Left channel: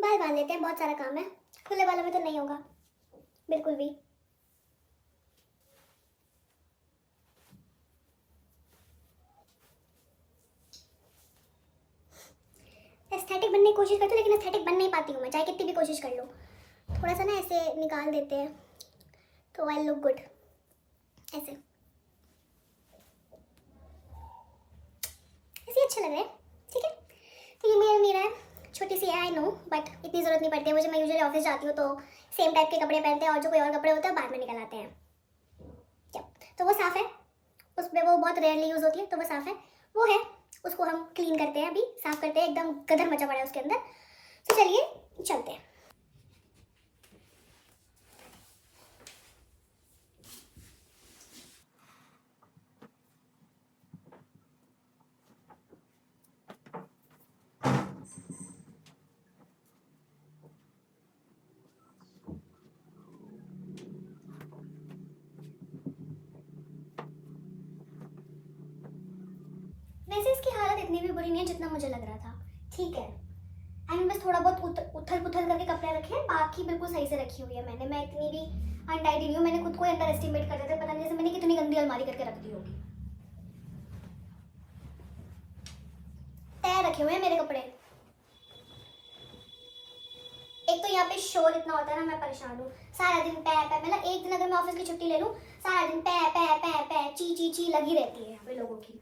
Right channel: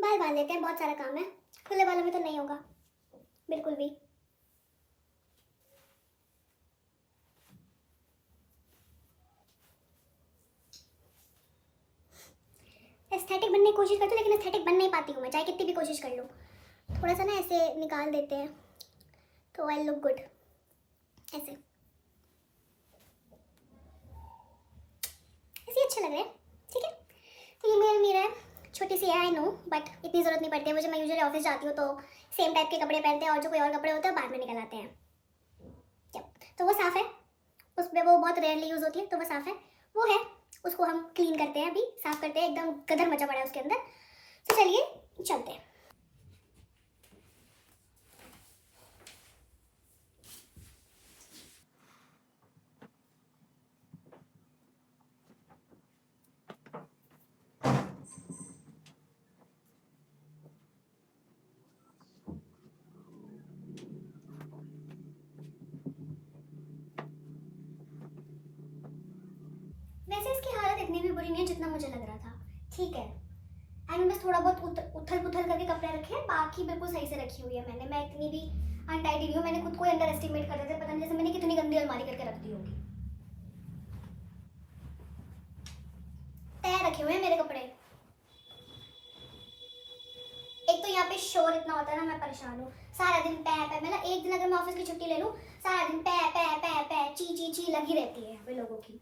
बाल बांध लेते हैं, बहुत सारा काम है। खुले बालों में तो नहीं होगा बिल्कुल भी। एस्थेटिक बनने की कोशिश करती हूँ, लेकिन एस्थेटिक बन नहीं पाती हूँ मैं, चाहे कितनी भी कोशिश कर लूँ। थोड़ा सा ना ऐसे निकाल देते हैं तो आई लुक गुड, ऐसे ऐसे अच्छे लग रहे हैं। ठीक है, तो ये मेरा मेरा है, छोटी सी है आई नो, बट इतनी ज़रूरत नहीं पड़ती है मुझे। मैं यूजुअली ऑफिस जाती हूँ तो सेम टाइप के कपड़े पहनते हैं, और जो कोई और कपड़े होते हैं बाद में निकल आते हैं। तो वो साफ़ है, उसमें वो बहुत रेयरली यूज़ होती है, तो वो साफ़ है। वो है, उसको हम क्लीन करते हैं, अभी साफ़ करते हैं, एकदम गदर मचा पड़ा है उसके अंदर। तो चलिए चलते हैं। वैसे इसकी हालत इतनी भी बुरी नहीं है जितना मुझे लग रहा था। ठीक है, एंड बस थोड़ा बहुत उथल पुथल करके कपड़े रखे हैं, बाकी बिल्कुल सही से रखी हुई है मैंने। मैं इतनी भी अनटाइडी नहीं हूँ, मैंने खुद को अंडर एस्टिमेट कर देते, पता नहीं जैसे मैंने कितनी गंदी अलमारी करके रख दी होगी। तैयार रखे हुए हैं मेरे कपड़े। एक तो यहाँ पे शोर इतना होता है ना, मैं परेशान हूँ। सारा दिन पै पै, मतलब एक दिन अगर मैं ऑफिस की छुट्टी ले लूँ, सारा दिन पै पै पै पै ची ची ची लगी रहती है यहाँ पे लोगों की।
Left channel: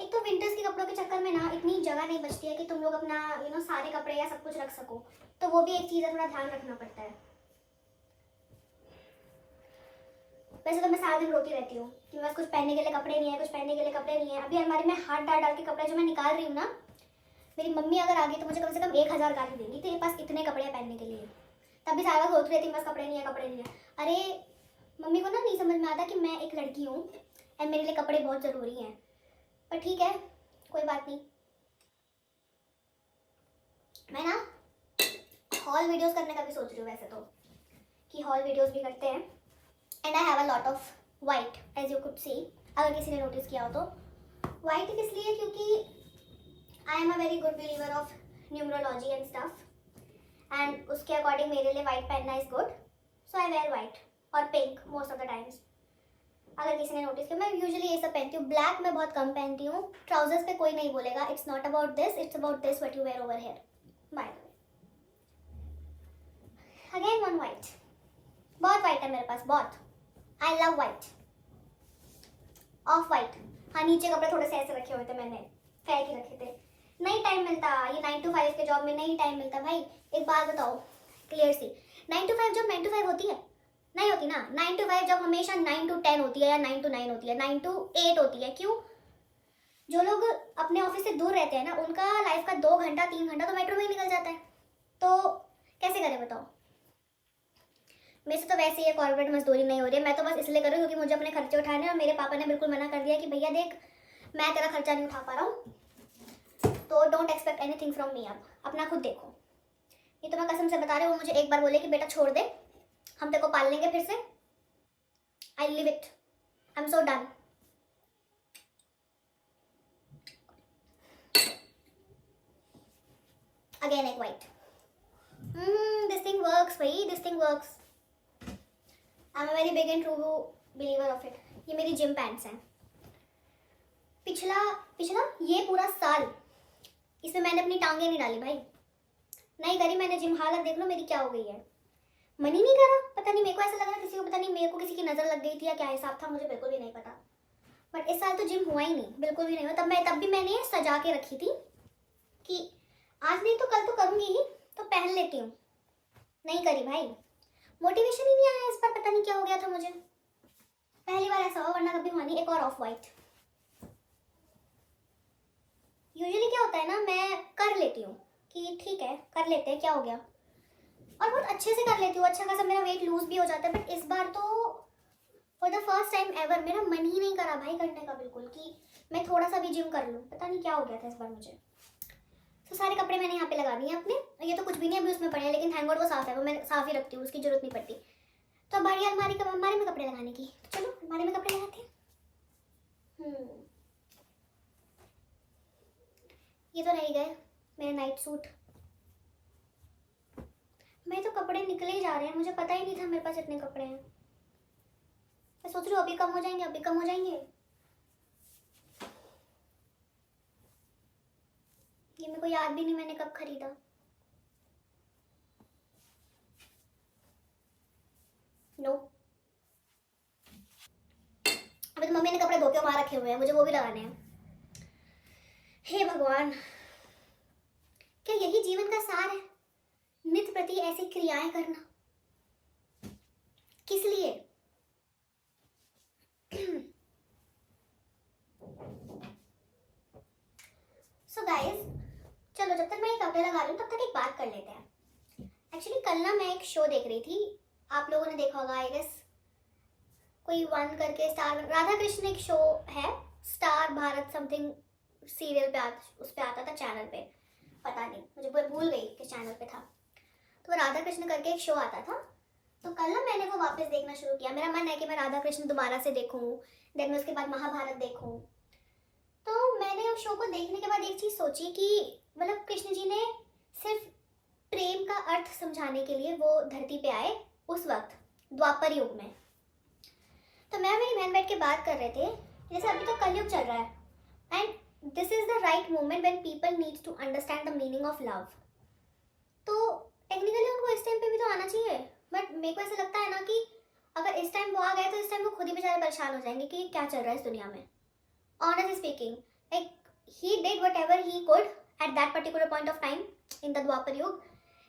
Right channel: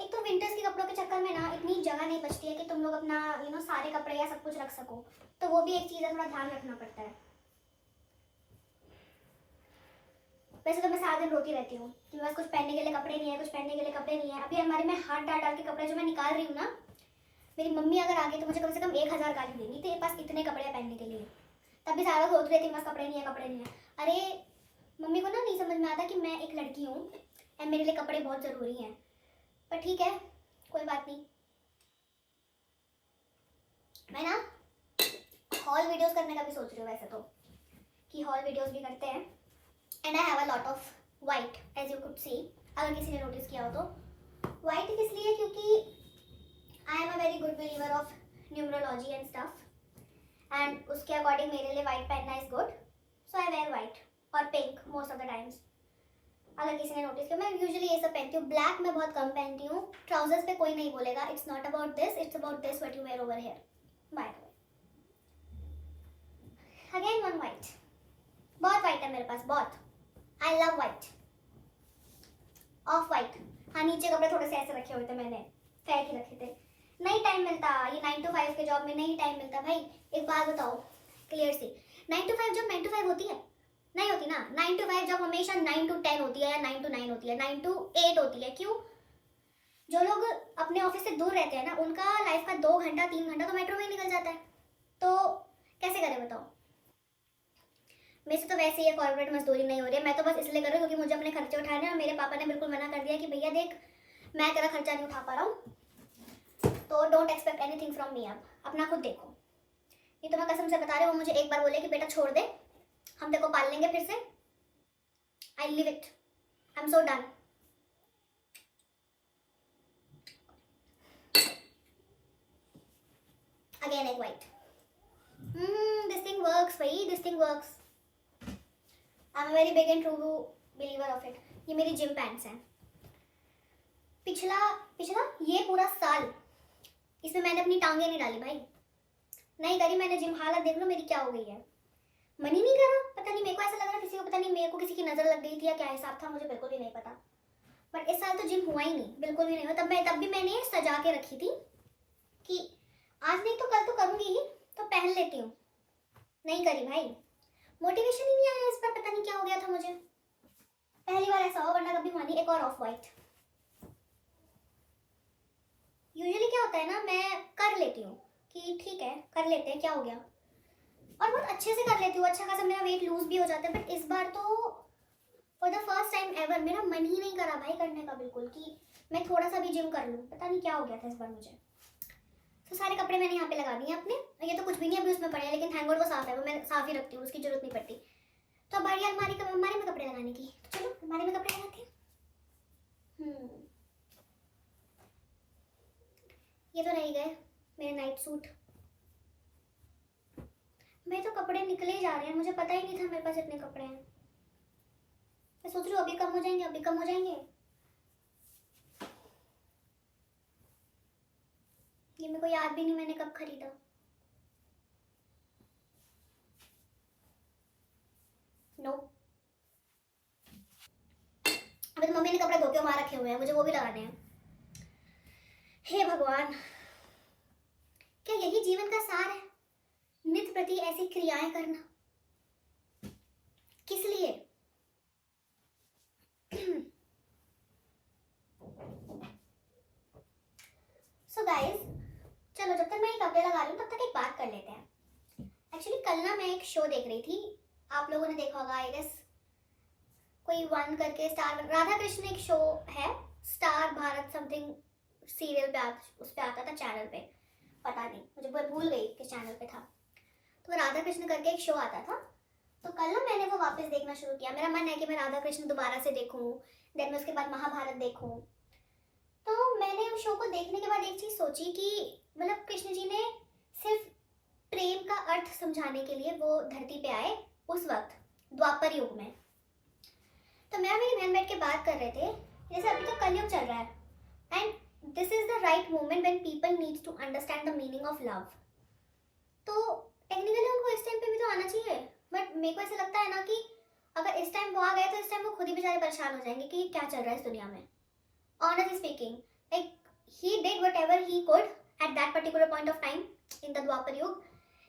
एक तो विंटर्स के कपड़ों के चक्कर में ना इतनी जगह नहीं बचती है कि तुम लोग अपना सारे कपड़े या सब कुछ रख सको, तो वो भी एक चीज़ है, थोड़ा ध्यान रखना पड़ता है। वैसे तो मैं सारा दिन रोती रहती हूँ कि बस कुछ पहनने के लिए कपड़े नहीं है, कुछ पहनने के लिए कपड़े नहीं है। अभी अलमारी में हाथ डाल डाल के कपड़े जो मैं निकाल रही हूँ ना, मेरी मम्मी अगर आ गई तो मुझे कम से कम 1000 गाली देंगी, तेरे पास इतने कपड़े हैं पहनने के लिए। तब भी सारा सोच रही थी बस कपड़े नहीं है, कपड़े नहीं है। अरे मम्मी को ना नहीं समझ में आता कि मैं एक लड़की हूँ एंड मेरे लिए कपड़े बहुत ज़रूरी हैं। पर ठीक है, कोई बात नहीं। मैं ना हॉल वीडियोस करने का भी सोच रही हूँ वैसे तो, कि हॉल वीडियोस भी करते हैं। And I have a lot of white as you could see, अगर किसी ने नोटिस किया हो तो। वाइट इसलिए क्योंकि I am a very good believer of numerology and stuff, and उसके अकॉर्डिंग मेरे लिए वाइट पहनना is good, so I wear white और pink most of the times. अगर किसी ने नोटिस किया, मैं यूजुअली ये सब पहनती हूँ। ब्लैक मैं बहुत कम पहनती हूँ। ट्राउजर्स पे कोई नहीं बोलेगा, it's not about this, it's about this what you wear over here. By the way, again one white, बहुत वाइट है मेरे पास, बहुत। I love white, off white. हाँ, नीचे कपड़े थोड़े से ऐसे रखे हुए थे, मैंने फेंक ही रखे थे। नहीं टाइम मिलता, ये 9 to 5 के जॉब में नहीं टाइम मिलता भाई। एक बात बताओ क्लियर सी, 9 to 5 जॉब 9 to 5 होती है? नहीं होती ना। 9 to 5 जॉब हमेशा 9 to 10 होती है, या 9 to 9 होती है, 9 to 8 होती है। क्यों? जो लोग अपने ऑफिस से दूर रहते हैं ना, उनका लाइफ का 2 घंटा 3 घंटा तो मेट्रो में ही निकल जाता है, तो कैसे करें बताओ। मेरे से तो वैसे ही कॉर्पोरेट मजदूरी नहीं हो रही है, मैं तो बस इसलिए कर रही हूँ क्योंकि मुझे अपने खर्चे उठाने हैं, और मेरे पापा ने बिल्कुल मना कर दिया कि भैया देख, मैं तेरा खर्चा नहीं उठा पा रहा हूँ, तो don't expect anything from me. अब अपना खुद देखो। ये तो मैं कसम से बता रही हूँ, वो मुझे एक बार बोले कि बेटा छोड़ दे, हम तेरे को पाल लेंगे फिर से। I live it, I am so done. Again एक वाइट, दिस थिंग वर्क्स भाई, this thing works. I am very big and true believer of it. ये मेरी जिम पैंट्स हैं। पिछला पिछला ये पूरा साल इसमें मैंने अपनी टांगे नहीं डाली भाई, नहीं करी मैंने जिम। हालत देख लो मेरी क्या हो गई है, मन ही नहीं करा। पता नहीं, मेरे को ऐसा लग रहा किसी को, पता नहीं मेरे को किसी की नज़र लग गई थी या क्या हिसाब था, मुझे बिल्कुल भी नहीं पता। बट इस साल तो जिम हुआ ही नहीं, बिल्कुल भी नहीं हुआ। तब भी मैंने ये सजा के रखी थी कि आज नहीं तो कल तो करूँगी ही, तो पहन लेती हूँ। नहीं करी भाई, मोटिवेशन ही नहीं आया इस बार, पता नहीं क्या हो गया था मुझे। पहली बार ऐसा हो, वरना कभी हुआ नहीं। एक और ऑफ वाइट। यूजुअली क्या होता है ना, मैं कर लेती हूँ कि ठीक है कर लेते हैं, क्या हो गया, और बहुत अच्छे से कर लेती हूँ, अच्छा खासा मेरा वेट लूज भी हो जाता है। बट इस बार तो for the first time ever मेरा मन ही नहीं करा भाई करने का बिल्कुल, कि मैं थोड़ा सा भी जिम कर लूँ। पता नहीं क्या हो गया था इस बार मुझे। तो सारे कपड़े मैंने यहाँ पे लगा दिए अपने, ये तो कुछ भी नहीं अभी उसमें पड़े हैं, लेकिन थैंक गॉड वो साफ है, वो मैं साफ ही रखती हूँ, उसकी जरूरत नहीं पड़ती। तो अब बारी अलमारी में कपड़े लगाने की, चलो अलमारी में कपड़े लगाते हैं। White suit. मेरे तो कपड़े निकले ही जा रहे हैं, मुझे पता ही नहीं था मेरे पास इतने कपड़े हैं। मैं सोच रही हूँ अभी कम हो जाएंगे, अभी कम हो जाएंगे। ये मेरे को याद भी नहीं मैंने कब खरीदा। नो अभी तो मम्मी ने कपड़े धो के वहां रखे हुए हैं, मुझे वो भी लगाने हैं। हे भगवान, क्या यही जीवन का सार है? नित्य प्रति ऐसी क्रियाएं करना किस लिए? सो गाइस, चलो जब तक मैं ये कपड़े लगा रही हूँ तब तक एक बात कर लेते हैं। एक्चुअली कल ना मैं एक शो देख रही थी, आप लोगों ने देखा होगा आई गेस, कोई वन करके स्टार राधा कृष्ण एक शो है, स्टार भारत समथिंग सीरियल पे उस पे आता था चैनल पे, पता नहीं मुझे भूल गई किस चैनल पे था। तो राधा कृष्ण करके एक शो आता था, तो कल ना मैंने वो वापस देखना शुरू किया। मेरा मन है कि मैं राधा कृष्ण दोबारा से देखूं, देन मैं उसके बाद महाभारत देखूं। तो मैंने उस शो को देखने के बाद एक चीज़ सोची कि मतलब कृष्ण जी ने सिर्फ प्रेम का अर्थ समझाने के लिए वो धरती पे आए उस वक्त द्वापर युग में। तो मैं और मेरी बहन बैठ के बात कर रहे थे, जैसे अभी तो कलयुग चल रहा है and this is the right moment when people needs to understand the meaning of love. तो टेक्निकली उनको इस टाइम पे भी तो आना चाहिए, बट मेरे को ऐसा लगता है ना कि अगर इस टाइम वो आ गए तो इस टाइम वो खुद ही बेचारे परेशान हो जाएंगे कि क्या चल रहा है इस दुनिया में। Honestly speaking, like he did whatever he could at that particular point of time in the Dwapar Yug,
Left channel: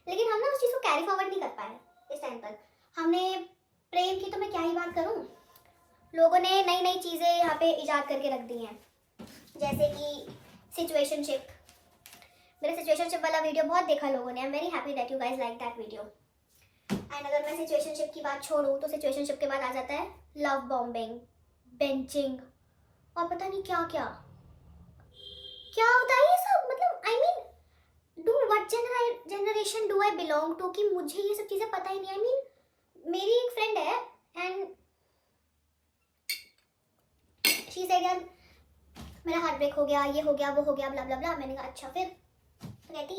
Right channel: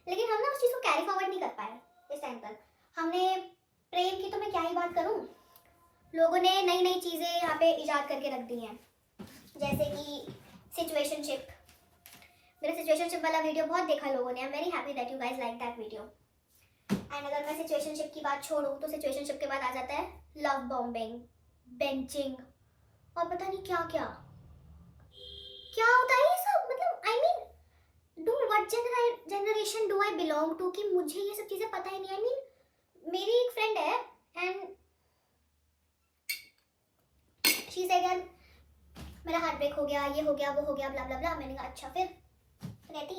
लेकिन हम ना उस चीज़ को कैरी फॉरवर्ड नहीं कर पाए इस टाइम पर। हमने प्रेम की तो मैं क्या ही बात करूँ, लोगों ने नई नई चीज़ें यहाँ पे इजाद करके रख दी हैं, जैसे कि सिचुएशनशिप। मेरा सिचुएशनशिप वाला वीडियो बहुत देखा लोगों ने। I am very happy that you guys like that video. And अगर मैं सिचुएशनशिप की बात छोड़ूँ तो सिचुएशनशिप के बाद आ जाता है लव बॉम्बिंग, बेंचिंग और पता नहीं क्या क्या क्या होता है ये सब। मतलब I mean do what generation do I belong to कि मुझे ये सब चीज़ें पता ही नहीं। आई मीन मेरी एक फ्रेंड है एंड शी सेड यार मेरा हार्ट ब्रेक हो गया, ये हो गया, वो हो गया, ब्ला ब्ला ब्ला। मैंने कहा अच्छा फिर? तो कहती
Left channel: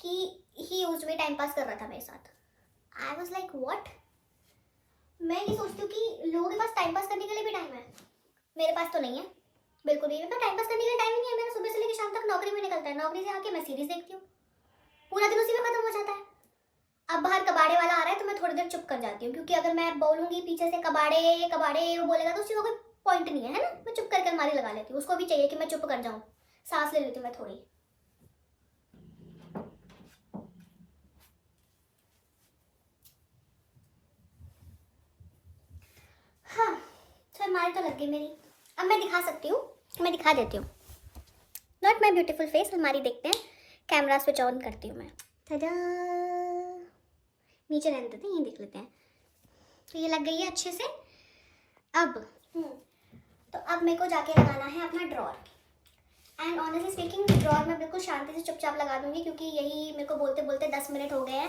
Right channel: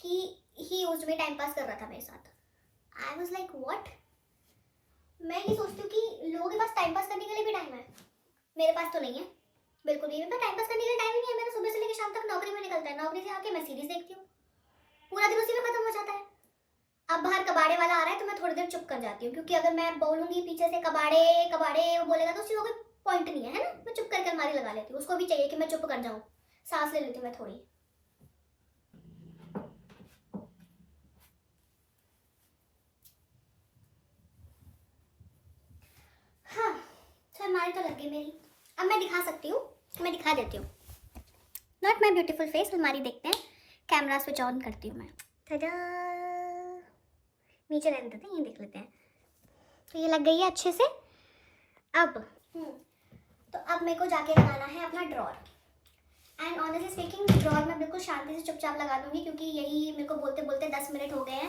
कि ही यूज्ड मी टाइम पास कर रहा था मेरे साथ। I was like what? मैं ये सोचती हूँ कि लोगों के पास टाइम पास करने के लिए भी टाइम है, मेरे पास तो नहीं है बिल्कुल भी। मेरे पास टाइम पास करने के लिए टाइम ही नहीं है। मेरा सुबह से लेकर शाम तक नौकरी में निकलता है, नौकरी से आके मैं सीरीज देखती हूँ, पूरा दिन उसी में खत्म हो जाता है। अब बाहर कबाड़े वाला आ रहा है तो मैं थोड़ी देर चुप कर जाती हूँ, क्योंकि अगर मैं बोलूँगी पीछे से कबाड़े कबाड़े वो बोलेगा तो उस चीज़ को पॉइंट नहीं है ना। मैं चुप करके अलमारी लगा लेती हूँ, उसको भी चाहिए कि मैं चुप कर जाऊँ, सांस ले लेती हूँ मैं थोड़ी। हाँ तो अलमारी तो लग गई मेरी। अब मैं दिखा सकती हूँ, मैं दिखा देती हूँ। नॉट माई ब्यूटीफुल फेस, अलमारी देखते हैं। कैमरा स्विच ऑन करती हूँ मैं। tada! नीचे रहने देते हैं, ये देख लेते हैं। तो ये लग गई है अच्छे से। अब तो अब मेरे को जाके लगाना है अपना drawer. And honestly speaking drawer मैं बिल्कुल शांति से चुपचाप लगा दूंगी, क्योंकि यही मेरे को बोलते बोलते 10 मिनट हो गए हैं।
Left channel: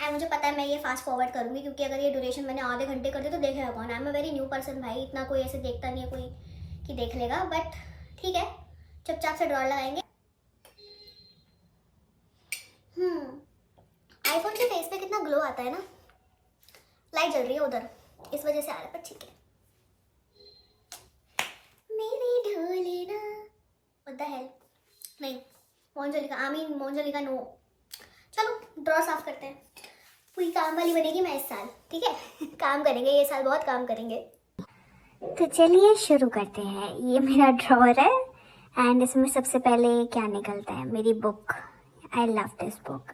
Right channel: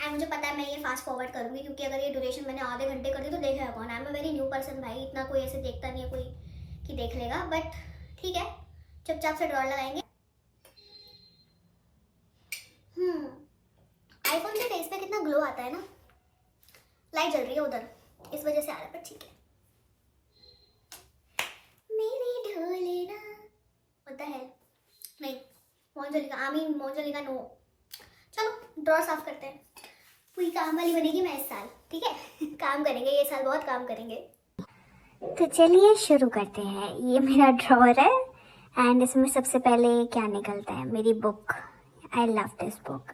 एंड मुझे पता है मैं ये फास्ट फॉरवर्ड करूँगी, क्योंकि अगर ये ड्यूरेशन मैंने आधे घंटे कर दी तो देखेगा कौन। आई am a very new person भाई, इतना कोई ऐसे देखता नहीं है कोई कि देख लेगा। बट ठीक है, चुपचाप से ड्रॉर लगाएंगे। आईफोन के फेस पे कितना ग्लो आता है ना। लाइट जल रही है उधर, इस वजह से आ रहा है, पर ठीक है। मेरी ढोलेना व्हाट द हेल, नहीं मोहनजोलिका, आमीन मोहनजोलिका नो। चलो ड्रॉ साफ करते हैं। पूरी काम वाली बनेगी मैं इस साल, ठीक है। काम करेंगे ये साल, बहुत काम करेंगे। तो चलिए शुरू करते हैं। ये मेरा ड्रॉर है एंड इसमें सबसे पहले क्या निकलता है, मेरी book. I love this book.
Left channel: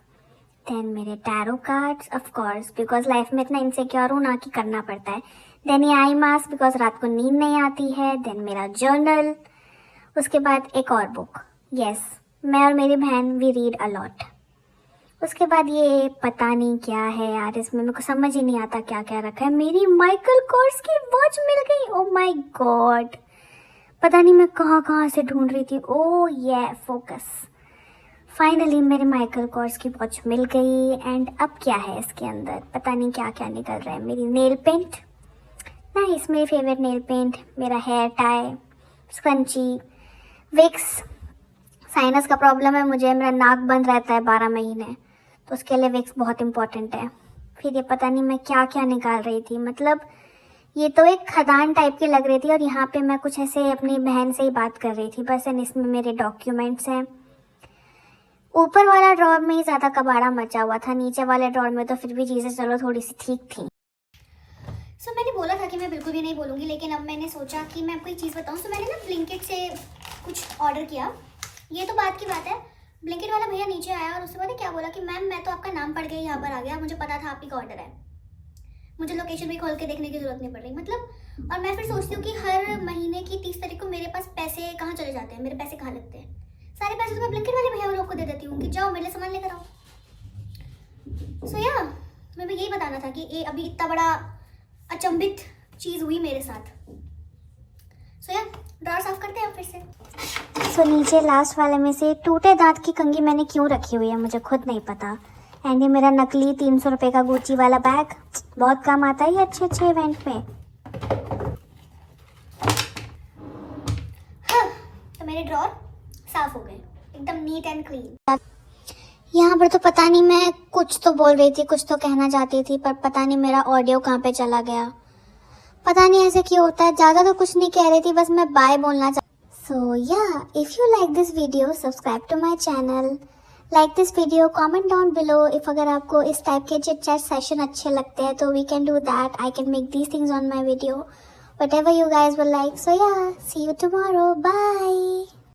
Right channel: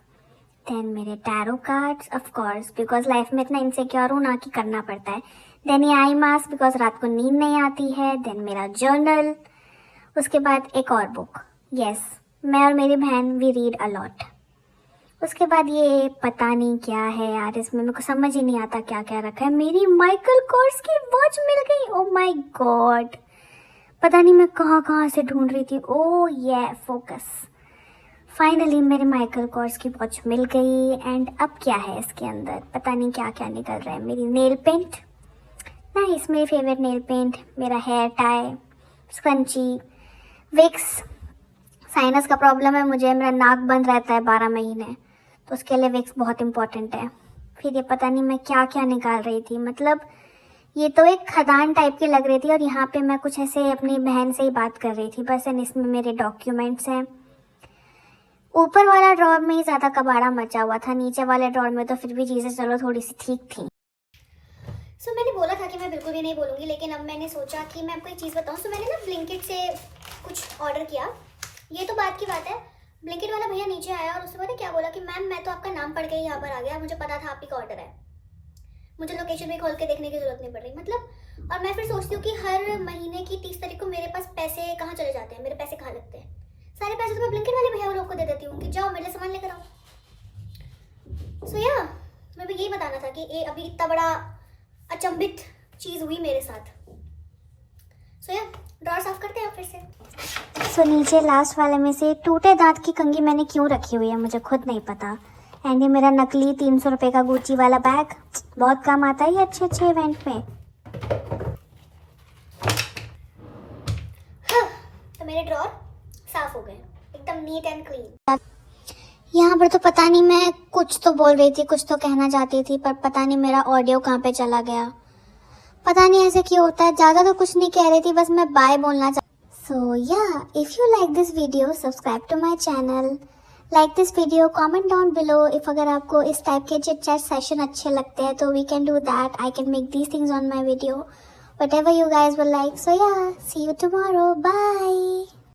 Then मेरे tarot cards of course, because life में इतना इनसिक्योर हूँ ना कि करना पड़ता है। देन ये आई मास्क, बिकॉज रात को नींद नहीं आती है। देन मेरा जर्नल, उसके बाद एक और बुक। यस, मैं और मेरी बहन वी रीड अ लॉट। उसके बाद ये पता नहीं क्या है यार, इसमें मेरे को समझ ही नहीं आता क्या क्या रखा है। मेरी माइकल कोर्स की वॉच मिल गई। ओ माय गॉड, पता नहीं मैं कहाँ कहाँ से ढूंढ रही थी। ओ ये फोकस, फाइनली मेरे माइकल कोर्स की वॉच मिल गई। एंड अब क्या है इसके अंदर, पता नहीं क्या क्या निकल रहा है। मेरी नेल पेंट, नाइस, मेरी फेवरेट नेल पेंट। मेरा hair tie, scrunchie, Vicks, sinus का प्रॉब्लम है मुझे, मेरा नाक बंद रहता है 12 महीने, तो उसके लिए विक्स बहुत इंपॉर्टेंट है। फिर ये पता नहीं मैं क्या क्या निकाल रही थी, मतलब ये तो एक खदान टाइप की लग रही थी, और यहाँ पे मैं कुछ ऐसे अपनी बहन से ही बात कर रही थी बस। एंड इसमें मेरे डॉक्यूमेंट्स हैं। ऊपर वाला ड्रॉर में ही ज़्यादा कबाड़ा मचा हुआ था, नीचे वाले ड्रॉर में तो फिर भी चीज़ें चलो थोड़ी सी ठीक थी। सो मैंने बोला था कि मैं बिल्कुल भी नहीं बोलूँगी, लेकिन अब मैंने सोचा कि मैं आपको एक चीज़ बताऊँ। सो मैंने ना ब्लिंकिट से कुछ ऑर्डर किया, ये तो बात की बात है। ब्लिंकिट वाला भैया नीचे आया और उसने पता क्या बोला कि मैम मैं तो आपका नाम पढ़ के यहाँ पर आ गया, मुझे पता था आप ही का ऑर्डर है, मुझे लोकेशन भी खोल के देखने की जरूरत नहीं पड़ रही। मतलब और मैं फिर सोचती हूँ कि हर महीने की 30 तारीख को मेरे पास पैसे कहाँ चले जाते हैं, मेरे पैसे कहाँ लगते हैं। सारे पैसे तो मैं ब्लिंकिट वाले भैया लोग को दे देती हूँ कि जाओ मेरे लिए सामान लेकर आओ। सो या मैं भी यही बताना था कि ये अभी इतना बड़ा अचंभित चीज़ हुई मेरे साथ। सो या ड्रॉर साफ करते हैं फिर से। सो नीचे लास्ट वाले में से टूटे दांत की कंघी मैंने क्यों रखी हुई है मुझे खुद नहीं पता। एंड ये मेरा नकली 300 रुपये का गुच्ची वाला बैग, बहुत काम आता है ये अच्छे अच्छे इवेंट में। हाँ, तो मेरे ड्रॉर साफ हो गए, एकदम नीट एंड क्लीन। यहाँ पर तो पता नहीं मैं कुछ तो बोल रही थी, कुछ तो कहना चाहती थी, पर पता नहीं मेरा ऑडियो कहाँ पे चला गया, पता नहीं ऐसे क्यों होता है। ज़्यादा तो कुछ नहीं कह रही थी, बस मैं बाय बोलना so yeah if you like this video subscribe to my channel, like this video, comment down below if अगर आपको इस टाइप के चिट चैट सेशन अच्छे लगते हैं तो we can do that, I can make these things on my video, whatever you guys will like. So yeah, see you tomorrow, bye.